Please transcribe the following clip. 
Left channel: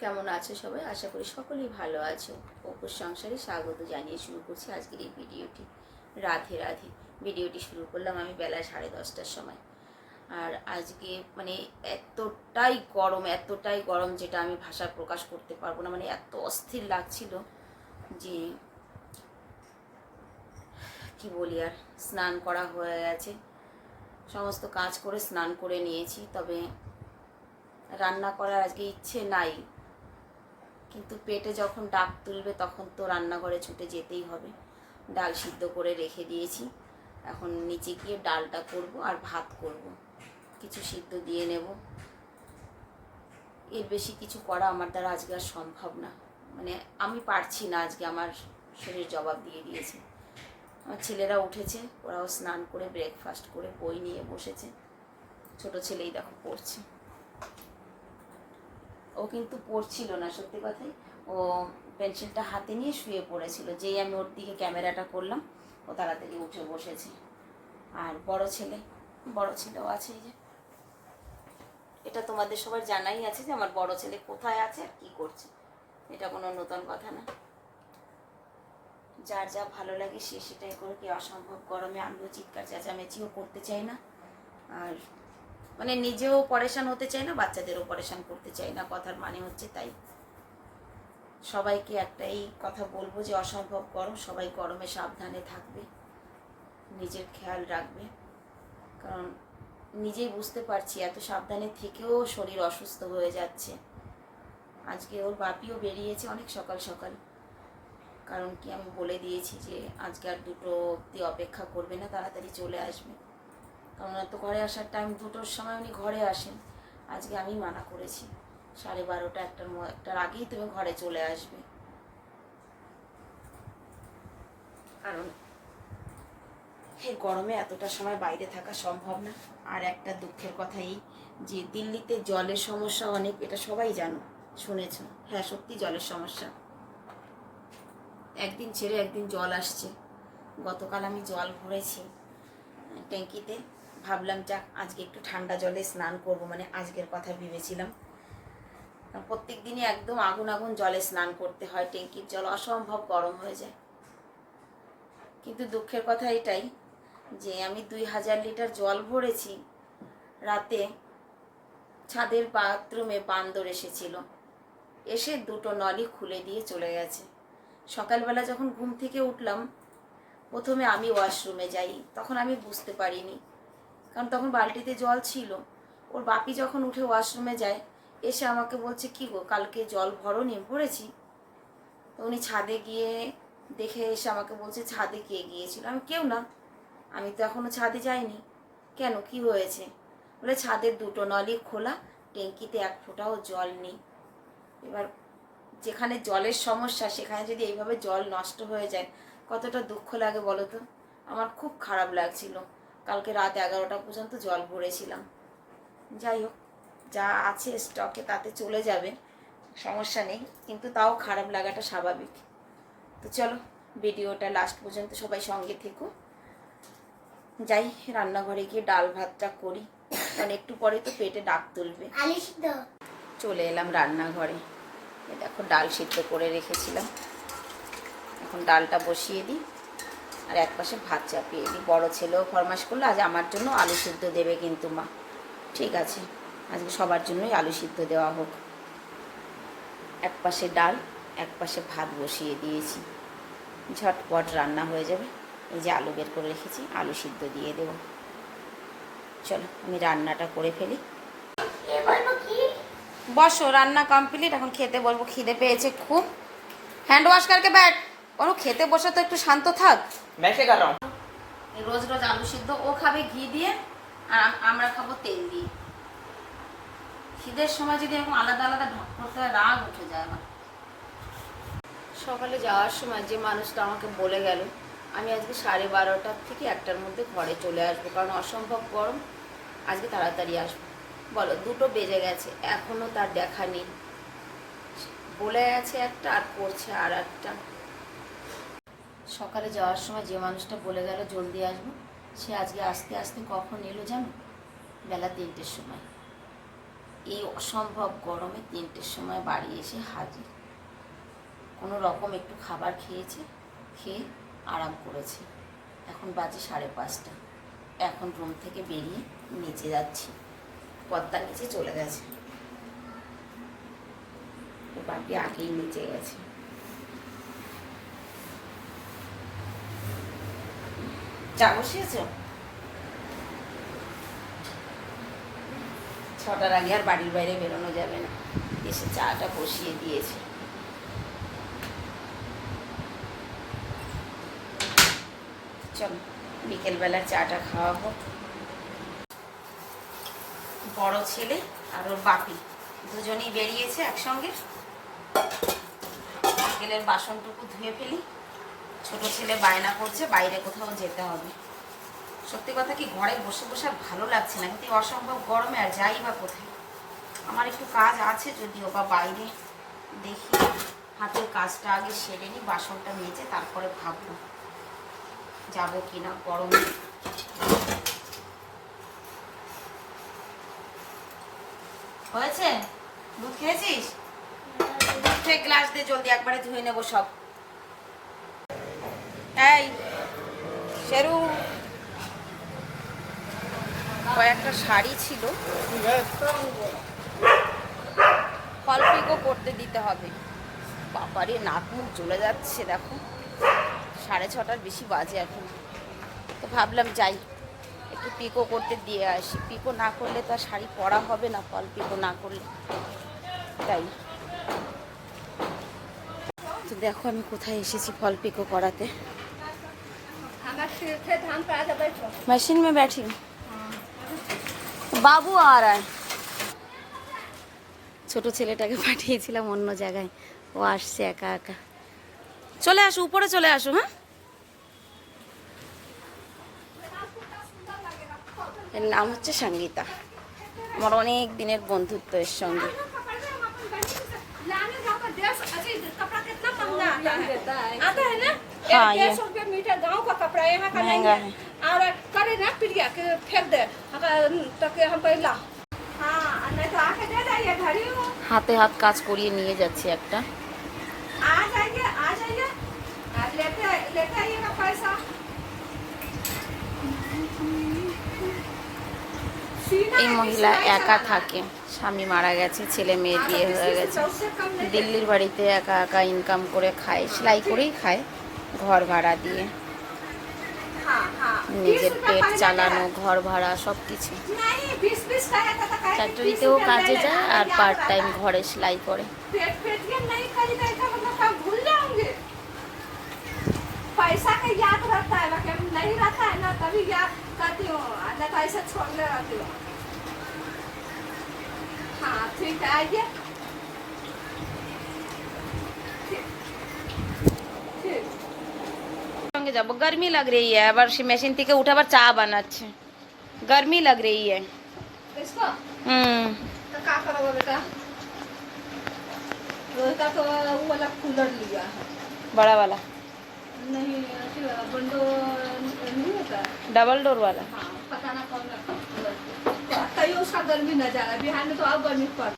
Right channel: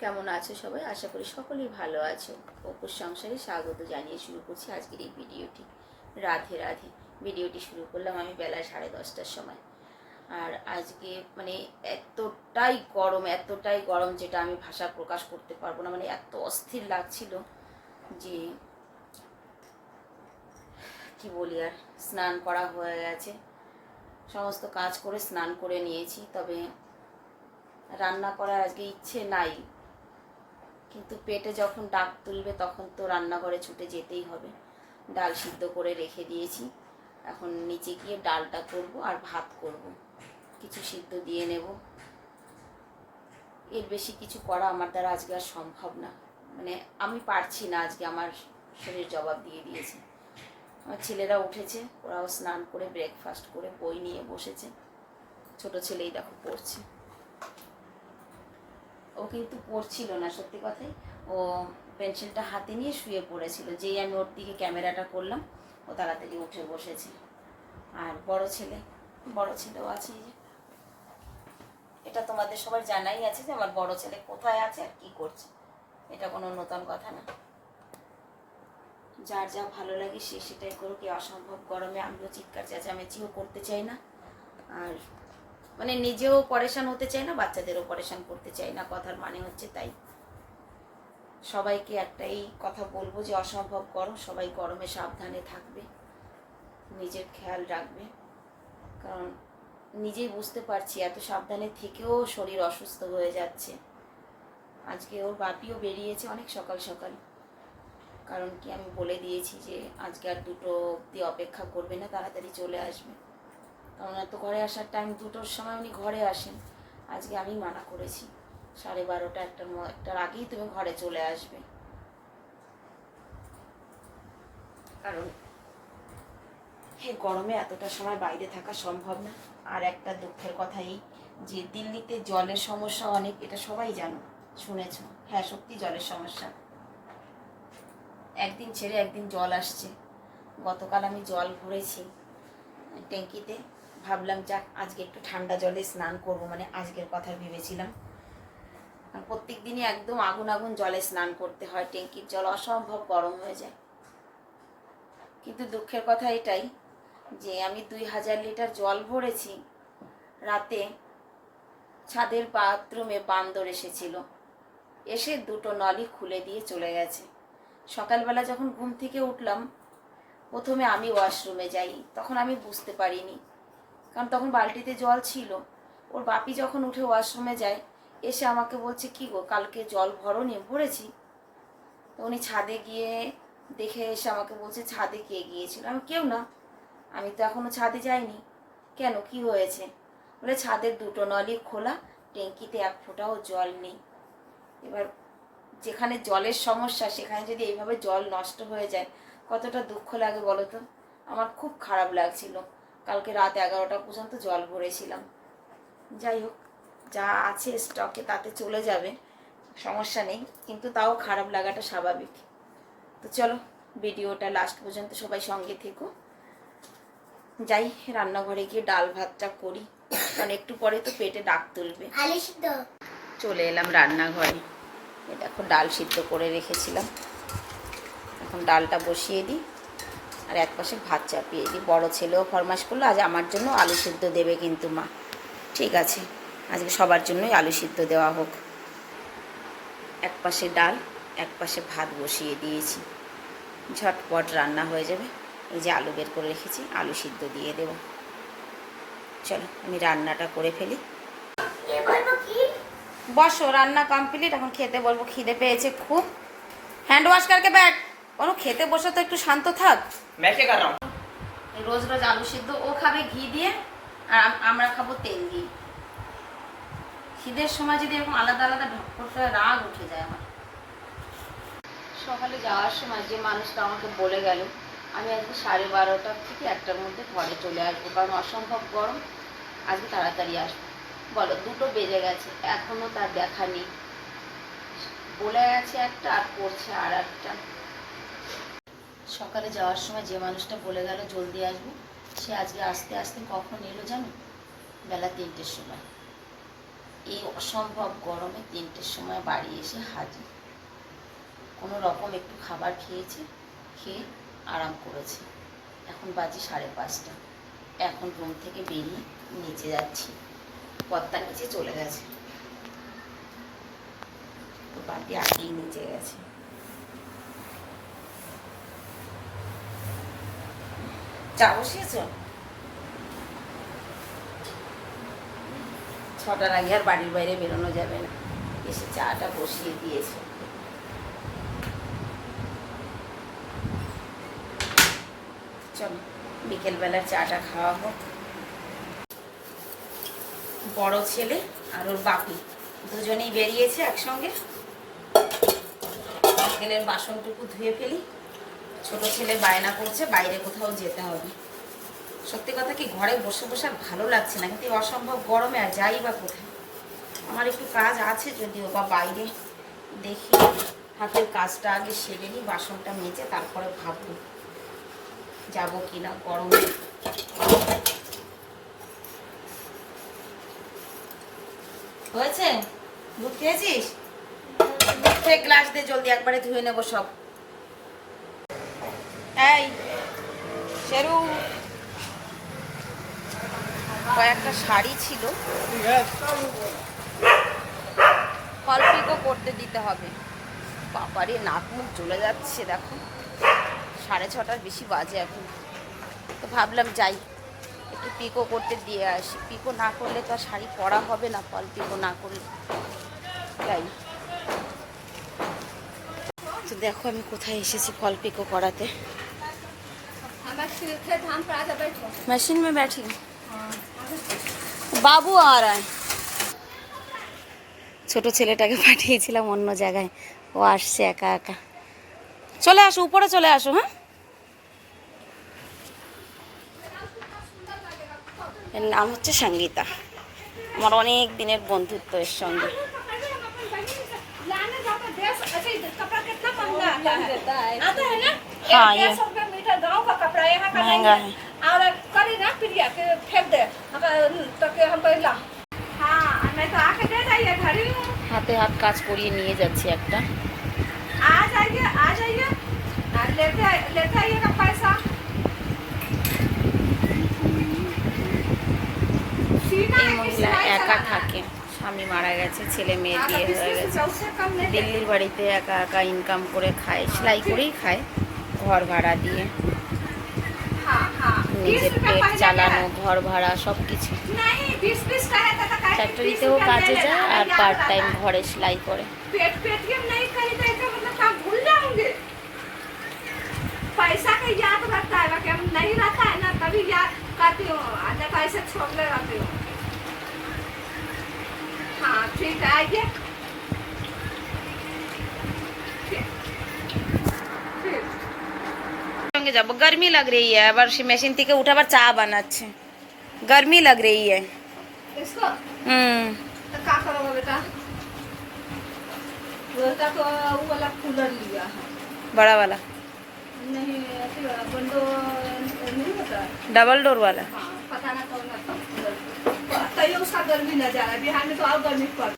কেমন আছো সবাই? আশা করি সকলেই ভালো আছো। অপুর সংসারে স্বাগত জানিয়ে শুরু করছি আজকের এই ভিডিওটি। রাধে রাধে। ভিডিওটি শুরু করলাম আমি বেলা সাড়ে দশটার সময়। আর আজকে মানে এতটাই গরম এতটাই গরম যেটা আমি ভাষা প্রকাশ করতে পারব না। মানে এত অস্থির লাগছিল যে কি বলি আর, স্নান করা হয়ে গেছে। সমস্ত কাজ করে স্নান করে নিয়েছি, তবে রান্না করার আজকে ইচ্ছে নাই। কিন্তু পেটে যখন ডাক তুলবে তখন তো রান্নাঘরে ছুটে যেতেই হবে। ডাল সিদ্ধ করে রেখে দিয়েছি। এখন নিচে গিয়ে ডালটা করব আর ভাত করব। কিছু সিদ্ধ দিয়ে নেব। এর বেশি কিছু করা আমার দ্বারা আজকে আর সম্ভব না। মানে আমি পারছি না আজকে, আমার শরীর জবাব দিয়ে দিয়েছে। আমার ছেলেরা উঠেছে, ওরাও স্নান করে ব্রেকফাস্ট করে, বই নিয়ে বসেছে। ছোট ছেলেই দেখো পড়ছে। ও কিন্তু পড়ছিল না, সত্যি কথাই। ও পেন্সিলটা হাতে নিয়ে শুয়ে পড়েছিল, যেই আমি ওর দিকে ক্যামেরাটা করলাম, ও তাড়াতাড়ি উঠে বসেছে। আর বড় ছেলে, বড় ছেলেও আছে যে। এটা তোমাদের সবার জানাই আছে যে আমার বড় ছেলে কোথায় আছে আর কি করছে। এটা কোনো নতুন কথা না। যার যা ভালো লাগে সে সেটাই করুক অসম্ভব গরমে আমিও চিৎকার চেঁচামেচিও করতে চাই না। আর মানে নিজেও পরেশান হতে চাই না, বাচ্চাদেরও পরেশান করতে চাই না, কথার মানে হচ্ছে তাই। সবাইকে একটাই কথা বলব যে, অসম্ভব গরম, সবাই গরমে সাবধানে থাকবে, নিজের খেয়াল রাখবে। কারণ নিজেই বুঝতে পারছি, এত সাবধানে থেকেও শরীর অসুস্থ হয়ে যাচ্ছে। আজকে ওর বাপিও বেরিয়েছে অনেক সকাল সকাল। কারণ কি আমি বলে দিয়েছি যে, আজকে আর দুটো অব্দি অপেক্ষা করবে না, তাড়াতাড়ি চলে আসবে। কারণ এত ঘরে আসার টাইম দুটোর সময় উনি ঘরে আসেন। আজকে আমি মানা করেছি। সাড়ে বারোটা একটার একটার আগেই তুমি ঘরে চলে আসবে। কারণ এই গরমে এতটা সময় বাইরে থাকা সম্ভব না। আর একটা দুঃখের কথা এই যে দিল্লিতে জলের সমস্যা অনেক, এটা সবাই জানো, শুনেছ? হ্যাঁ সত্যি জলের সমস্যা। একদিন ছেড়ে একদিন জল আসছে। গতকাল আমি জল ভরেছি ট্যাঙ্কিতে। ভাবলাম, যাক, আজকে একটু ঠান্ডা জলে স্নান করব। মানে আজকের কথা ভেবেছিলাম। প্রত্যেক দিনই একদম আগুন আগুন জলে স্নান করতে হয়, ট্যাঙ্কির জল, অসম্ভব গরম হয়ে যায়। কিন্তু দুঃখের কথা এটাই যে, আমি দুই হাজার লিটার জল ভরেছি, রাতে ছাদের বাথরুমে বান্দর এসেছিল। এসে দুটো নলই খুলে দিয়ে চলে গেছে। সকালবেলা যখন ঘুম থেকে উঠলাম, প্রথমে আমি ওয়াশরুমে যাই, তখন আমি বুঝতে পারিনি কারণ তখন বালতিতে জল ছিল। ওর বাপি যখন উঠে ওয়াশরুমে যায়, এসে আমাকে বলছে, কি গো, কালকে জল ভরো নিয়ে ভরেছি? তো উনি ছাদে গিয়ে দেখে এসে আমাকে বলছে, ছাদে কে গিয়েছিল? আমি, কেউ না। আমি তো এখনও ছাদে যাইনি। কেন? কি হয়েছে? বলে, ছাদের দুটো নলই খোলা, ট্যাঙ্কিতে এক ফোঁটাও জল নেই। এবার যেখানে জলের সমস্যা, সেখানে যদি এইভাবে জল নষ্ট হয়ে যায়, কতটা দুঃখ লাগে বলো তো? আমার খুব খারাপ লাগছিল। কালকে রাত এগারোটা পর্যন্ত জল ভরেছিলাম। যাই হোক যা আছে স্টকে তাতে চলে যাবে সমস্যা নেই কিন্তু তাও খারাপ লাগাটা স্বাভাবিক। তো চলো ভিডিওটা লাস্ট পর্যন্ত সবাই সঙ্গে থেকো। যাই রান্নাঘরে গিয়ে ডাল ভাতটা করি কারণ একটু পরে তো পেটে ডাক তুলবে। চলে এলাম রান্নাঘরে। দেখো ডাল সিদ্ধ করে রেখেছিলাম। এখন ডালটা বসিয়ে দিই। আর এক পাশে ভাত চাপিয়ে দিই। বড় ছেলেও ফরমাস করল আজ আমার জন্য আলু সিদ্ধ দেবে কিন্তু মা। ঠিক আছে আজকে সবার জন্যই আলু সিদ্ধ দেওয়া হোক। এক পাশে ডাল এক পাশে ভাত বসিয়ে দিয়েছি। ঝটপট রান্না হয়ে যাবে। এই যে আলু বের করে রেখেছি আলু সিদ্ধ দিয়ে দেব। চলো আমি রান্নাটা করে ফেলি। বসো রান্না কমপ্লিট। এখন খেতে বলব খিদে পেয়েছে খুব। হ্যান্ড ওয়াশ করকে ব্যাট। অনু খেতে বসে তো একটু শান্ত থাক। मैं क्या कर रहा हूँ এই রোজ রোজ আলু সিদ্ধ ও খাবে ঘি দিয়ে আর আম- আমরা খাবো তেল দিয়ে খিদের সময় যদি এরকম আলাদা আলাদা ঢক করতে হয় রাগ উঠে যায় আমার সকালে যাওয়ার সময় যে মানুষটা আমাকে বলে গেল আমি আজকে সাড়ে বারোটার থেকে একটার মধ্যে ঘরে চলে আসবো কারণ অসম্ভব গরম আজকে তাড়াতাড়ি আসবো বলো দুটো বেজে গেছে এখনও তার দেখা নেই বলে আছে একটা আর করছে আর একটা সকালে যাওয়ার সময় যে মানুষটা বলে গেল, জলদি আসব। সে আজকে আসতে আসতে কখন এলো জানো? বেলা তিনটের সময়। এই অসম্ভব গরমে তিনটের সময় বাড়ি এসে হাজির। কোনো রকম একটু খাবার খেয়েছে, খেয়ে আরাম করেছে। এখন বাজে সাড়ে পাঁচটা। এখন রুম থেকে বেরিয়ে নিচে যাচ্ছি। পদ্মার নিচে চলে গেছে। তো বাপি আগেই নিচে গেছে। চা বসিয়েছো ছটার আগে আর বাড়ির বাইরে বেরোনো যাবে না। এসে চাটা বসিয়ে দিয়েছে। চলো, বিকেলবেলা চাটা খাওয়া হোক বড় ছেলে আর ওর বাপি, দুজনেই বেরিয়েছে একসঙ্গে। বিকেলের বাসনটুকু ধুয়ে ফেলি। ছোট ছেলে বায়না করছে, বাইরে কোথাও যেতে হবে। সত্যি কথা কি, ঘরে বসে বসে ভালো লাগছে না, কিন্তু অসম্ভব গরমে আর যাই বা কোথায়। আমার একটু কাজ আছে, যদিও বা বাইরে দেখি, হাতের কাজটা আগে সেরে নিই, বাসনটা মেজে তারপরে ভাববো যাব কি না গরমে। হয়েছে? দুধ খেয়েছিস? দুধ খেয়ে গ্লাস দিয়ে জলদি একবারে ধুয়ে নেব সব। এই, শেরু। কয়েকটা শাড়ি ছিল। ফল পিকও করতে দিতে হবে। বাবারে, নাক মুখ জ্বলে যাচ্ছে, দেখো। সাড়ে ছটার বেশি বাজে এখন। তো ভাবলাম যাই, একটু পিকো করতে দিয়ে আসি। পিকো না করলে তো আর শাড়ি পরা হবে না ফল পিকো না করলে। তাই। তো দেখো আমি কোথায় এসেছি ফল পিকো করাতে। मशीन में बैठी हूँ বাবু আর ছোট ছেলেটাকে পাঠিয়েছিলাম অন্য জায়গায় ও আসছে একা একা চলে আসো উপরে চলে আসো হ্যাঁ এর নাম হচ্ছে সঙ্গীতা আমার অনেক দিনের বন্ধুত্ব এর সঙ্গে लाने महंगा आता है आता है ना हाँ, एक ये। डेढ़ सौ रुपया मीटर गाँव का कपड़ा यहाँ का महंगा नहीं और करे ना प्रिया के फेंक दे अगर तो के हम पहला हाँ नहीं तो आके दे जाइए घड़ी में হাতে হাত কাজ করিয়ে নিয়ে যাচ্ছি একটা आ जाइए आ जाइए और लेते आइए- लेते आइएगा पैसा सीना এই है कि মহিলা सिलाई একা चलाना? থাকে স্বামী মারা গেছে ছেলে মেয়ে বিয়ে अगर হয়ে किसी গেছে से उससे कम नहीं দিল্লির বাড়িতে একা একা ইনকাম করে খায় সেলাই করেই খায় ঘর ভাড়া দিয়ে हाँ हाँ নিজের 20 रुपया পেট पहले চালানো का ঘর ভাড়া সব কিছু है। नहीं बीस बीस का है तो का है कि 20 ফ্যাক্টরিতেও रुपया কাজে ले যায় लेना, আর याद পার্ট টাইম रहता है। ঘরে সেলাই করে पेट पेटीएम नहीं खरीदे तो मतलब काम भूल जाओगे पैसा का याद रहता है बाकी हम नहीं रहता है ना तभी याद करती हूँ आज तो ऐसे छोड़ने रहती हूँ हाँ ठीक है आइए संगे जाब। गर्मी लग रही है अब से मेसिन थी उठा पर चाह बना गर्मी लग रही है। हम्म। बड़ा वाला। डबल डोर वाला। हाँ, पता ना कौन तो उसका गर्मी न जा रहा है बिहार में तो और गर्मी पड़